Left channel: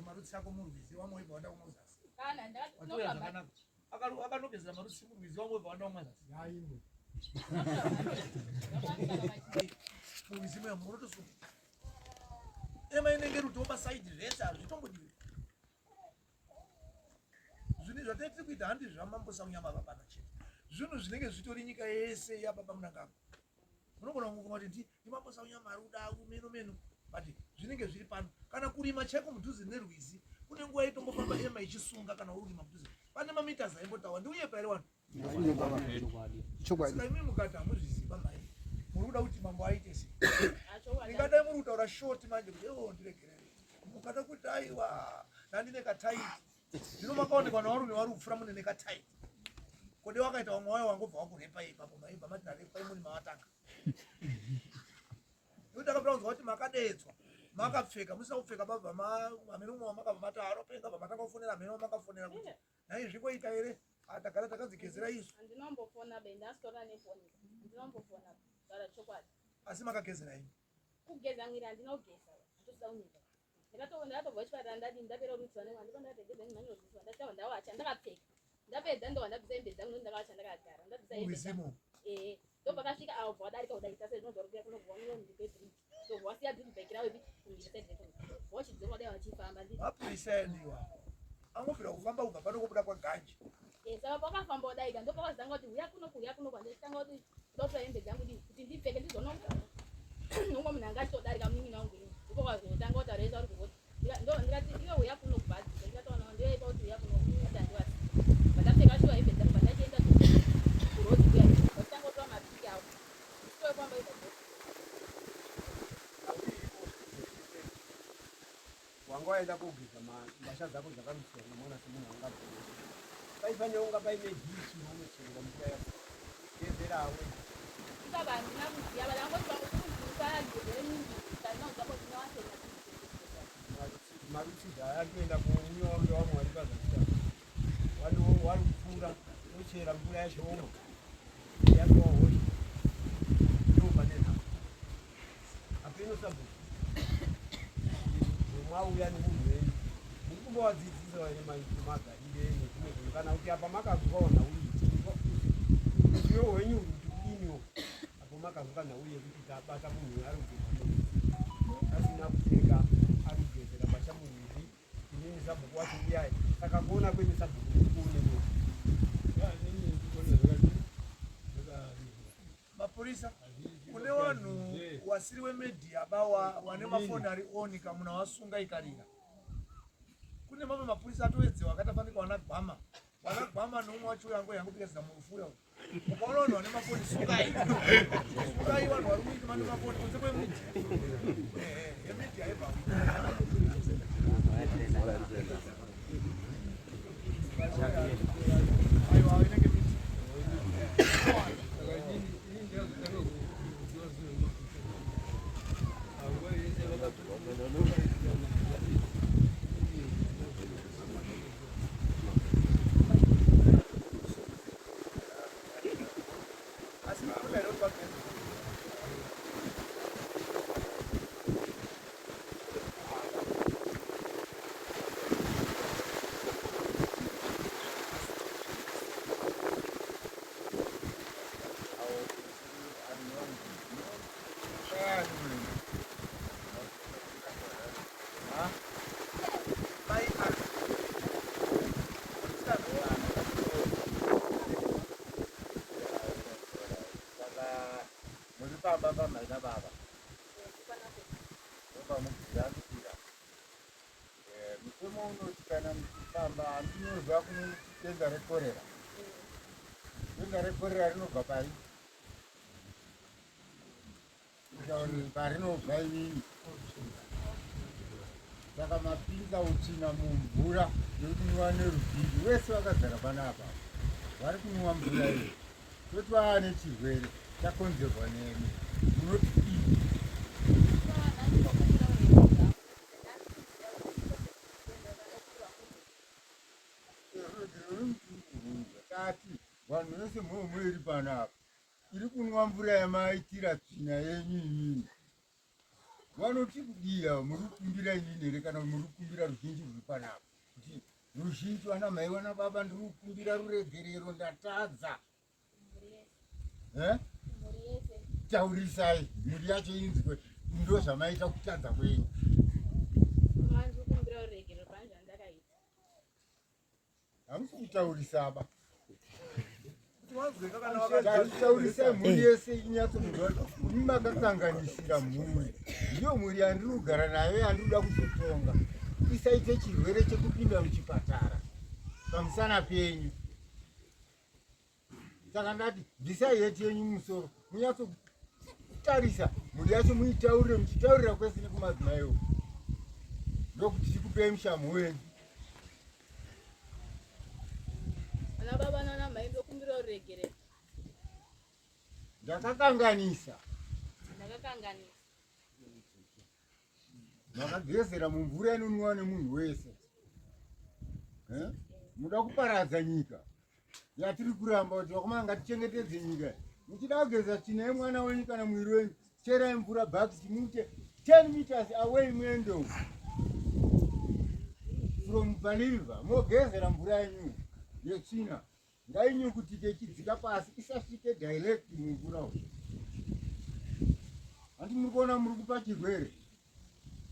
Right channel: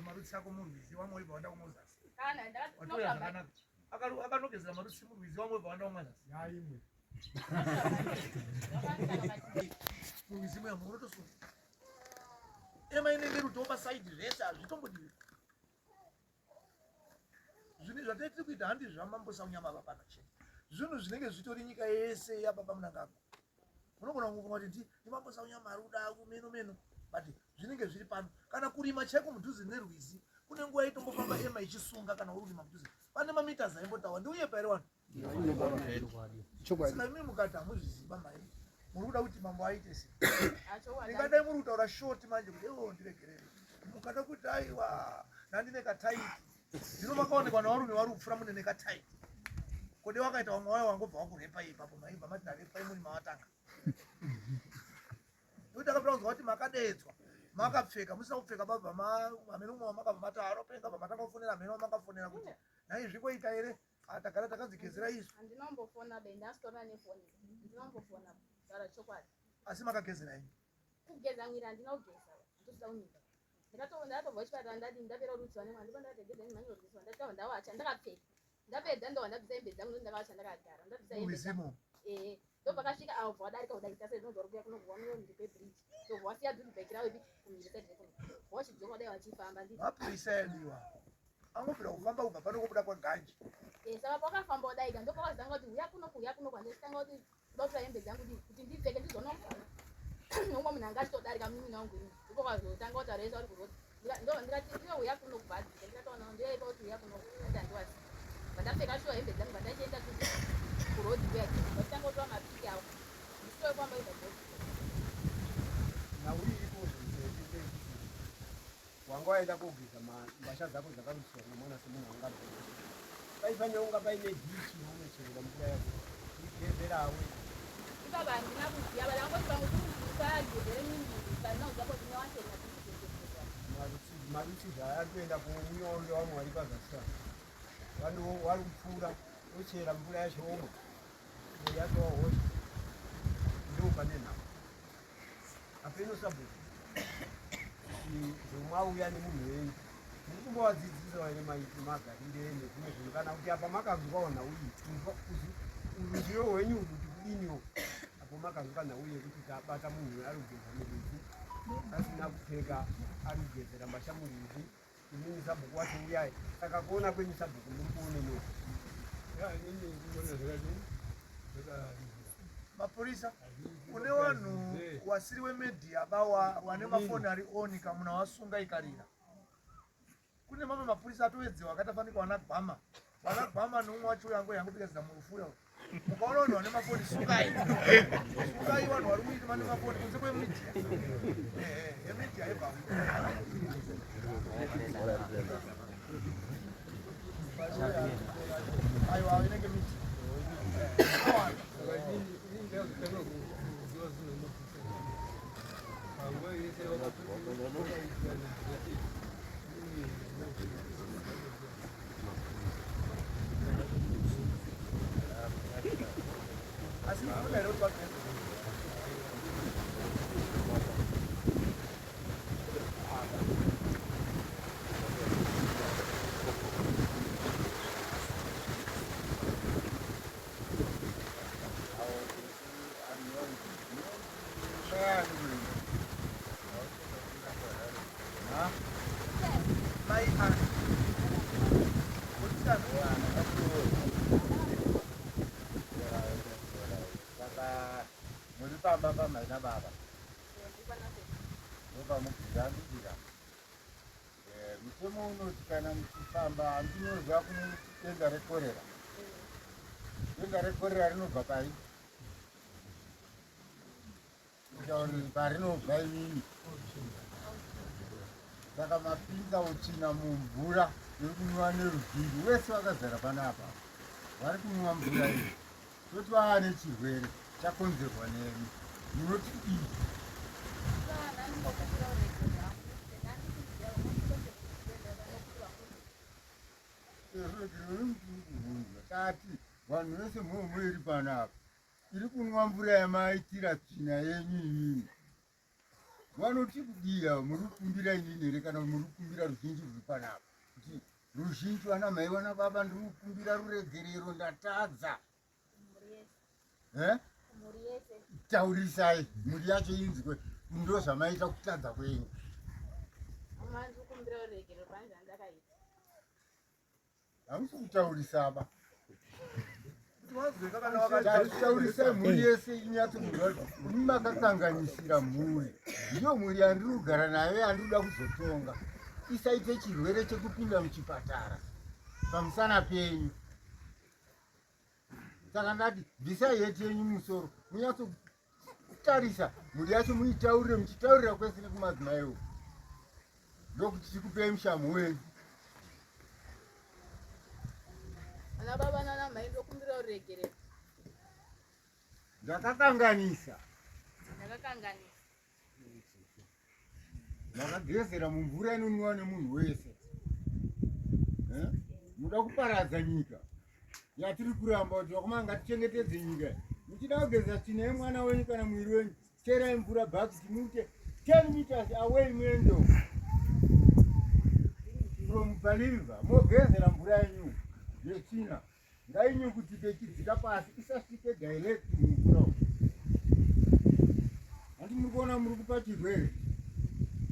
marutsi ako murwizi wamwe ibanda umozasi kana ndakanaka akanogezera marutsi murwizi wamwe ibanda umozasi yaimwe murwizi mwe murotosu ema inenge rutomba side zvese hazvitombodiwi zvinhu zvataiti kuita handi zvamambosa unyama babana chete zvinhu zvinenge zvitori nyika yese yababa munangagwa unogona kufunga kuti ndimambosa unyama ari kuda kumeno but zvinenge zviri pano kana kurima chaiko mudhuze nerwizi kune nguva itombofamba ema ichisunga kana uri kurima mudhuze pane mamita zaimbotawa ndiuye pairi vanhu saka imi mukati hamuzviziva mai muri kuda kuti mambo aite sei ndingadai muri kutaura shoti manje kuti ewo ndiregerere mukada kuti aiwa ndandine kataiti zvino makaonekwa navarume vari kupfura mune nekataiti kodi wakaita vamwe wayo wangobva wakurepa ipapo maibva mati narepai muri mawatanga nokuti akapraudzwa kuti makadedzwa makapfeka musina kupfeka babva amene umwe wamakabva mati aropenga bva matanga kufonera amene wamakafonera kuti nai zvingoita here atagara takadzigezera isu andinombofona be ndasitora nefoni ndinombofona taura chokwadi asi makagezera ini kugeza mwiri andinogeza andosida unyika ndakatobva chipatara ndati ndapera rudziwa nemwana ndipo ndakategedza nimhanyiro rudziwa ndati ndawacha ndakapfeka ndapedza ndova ndabvisa hembe dzangu noti ndakawacha ndakagara ndabvisa hembe dzangu ndopakasvika avo wadarika kudarika sei zvinogara kuya kunogwa ndepebridge ndobva wasiya dhudhibheki rawo ipi kumhiri saidi rekumhiri wachidzoka kudai wachifamba wapisaidiwa angofira kufamba kubva pano kobuda kwaganji saka pakafamba kudaika ndopakazanga kuti uya kuno kwandisitanga kuti kudakutora hembe dzangu kuti ndipfeke ndizoona kuti nomwe munhu anga achitodarika munin'ina wangu ini ndopakazotanga kuti aresa uri kuroti ndikati iwe uya kuno kubhadhika ndikataona ndoipa kuti uya kuno ati handiwasi vandapfeka shuwa hembe dzangu vandachienda kuroti kuya vachitanga kutora mapiki awo ndisitoe kwamba ibva wanga waenda kogeza mbasha dzako dzakarutswa nemwana semunhu angabva paifanira kunga paine dhishi nounocherera mvura yako igezerawe baba handina kuziva varangoti vangotiuzivisagezere mimbiri kanauzapo zvinowasenga marutsidzi aya ari kuenda kuunyoro wamwe vari pazasika vari kupfuura ochera mvura yacho omwa yacho wahosha ndobva nenhamo apeno sabhuti zvomwauya nemunhu wenyu muri kumbowadzidzisa here magarire nekumwe zvinhu kana kuti apa makazwa uzivo hwenyu uri kuti kudiniwo apo makazwa nhau yekuti tabata munhu ari kugeza murwizi asina kupfeka ari kugezera mbasha murwizi inini sabhuku wacho uyai saka kuona kwenyu sabhuku ndikuoneniwo mapurisa kune vanhu wasiri wemedhia bawa wane mafoni ari oni kamuna wasunga ikarira kune mamwe mapurisa atowedzewa akatafanika vanagwama noumwe wacho yangu yangopikazira murufuya mukaona vanhu vane mafoni sungai vanhu vari kuita vane mafoni kunze kwemedhia emedhia yebva aiwa inenge miti baba maina baba roba mukuzambira mikomo unoti kana muchifamba andinozwa kune denga rekorera rinobva pari kutauri parinobva inini saka mapinza utsvina mumvura yokunwiwa neruzhinji wese vakazara panapa vari kunwiwa mvura iyi toti vava nechirwere chakonzerwa nemi munoti ini kati vanhu vese mhomho iri panapa iri kunwa mvura yamaitira tsvina yenyu inini vanotikugira muri kukumbira inini here kana muri kukumbira ruzhinji ruri panapa kuti ruzhinji vana mai vana baba ndiri kukumbira ruregerero ndatadza taurisai muri yacho inzwe ndo zvamaita kutadza kwenyu hamusi kutaurisaba taurisai mhuri yese inyatsokuziva imi makakanganisira mhuri ndiyo mhuri yandiri kugara nayo yandinoda kuzotonga isaite chirwere chekupinda muchipatara pamusana penyu saka ndati bvisai heti yenyu musoro munyatsokutarisa mhuri yacho muitaurire muchitaurira kwese nekumadzimaiwo ndokuti tikupei mushamu wenyu ana baba nana mai ndokumbira uregerero ndakakanganisa makagezera mumvura inonwiwa nemunhu wese muda kuparadza nyika yatiri kuramba kuti vakomana ngatichengetedze nyika muchida kugeza tinai mwana wenyu kana mwiri wenyu cherai mvura bhakiti muite 10 meters away mendo from Baliva mogezera mvura yenyu yetsvina ngainyukutike ichidzika pasi isasvike direct mumvura handi muri kuona muri kupa chirwere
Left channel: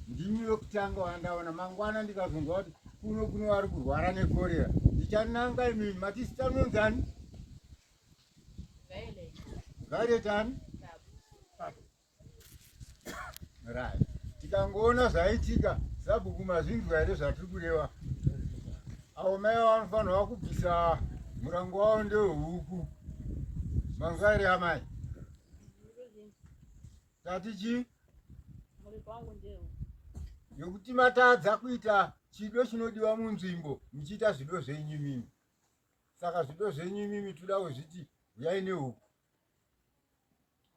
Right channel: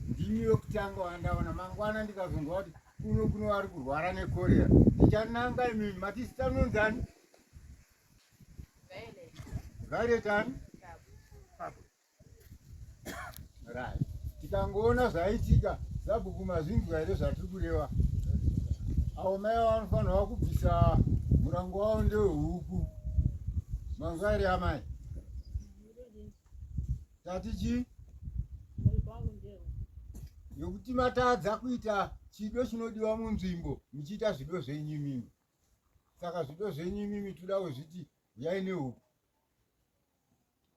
ndimi yokutanga wandaona mangwana ndikazonzwa kuti kuno vari kurwara nekorera ndichananga imimi matisitanonzani vailetani rai tikangoona zvaitika zabhuku mazvinzwa here zvatiri kureva avo mai vanofanirwa kubvisa murango wavo ndehuku manzwairi amai tatichi yokuti matadza kuita chido chinodiwa munzvimbo muchiita zvido zvenyu mimi saka zvido zvenyu mimi toda kuzviti uyai nehuku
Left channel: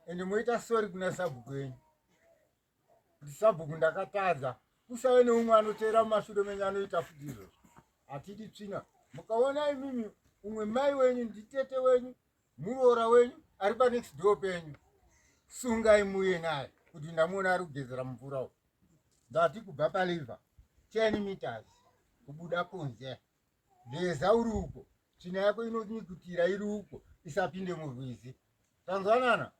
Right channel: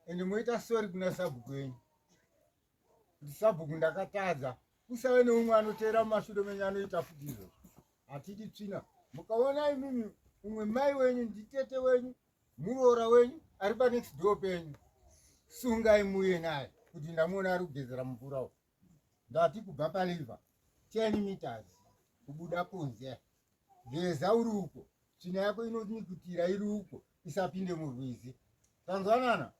ende moita sori kuna sabhuku yenyu kuti sabhuku ndakatadza kusave neumwe anoteera mumashure menyu anoita futi izvozvo hatidi tsvina mukaona imimi umwe mai wenyu nditete wenyu muroora wenyu ari panext door penyu sungai muye naye kuti ndamuona ari kugezera mvura uyu ndati kubva paliva 10 meters kubuda kunze geza uri uko tsvina yako inonyikutira iri uko isapinde murwizi tanzwanana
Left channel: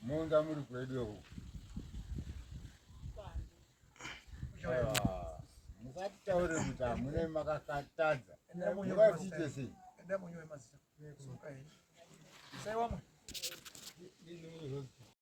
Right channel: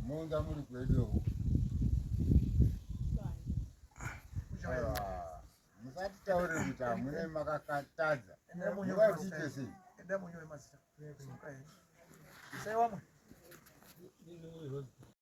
monza muri kwedu uko musati taure kuti hamune makakatadza mukaziite sei enda munyowe mazita sai wamwe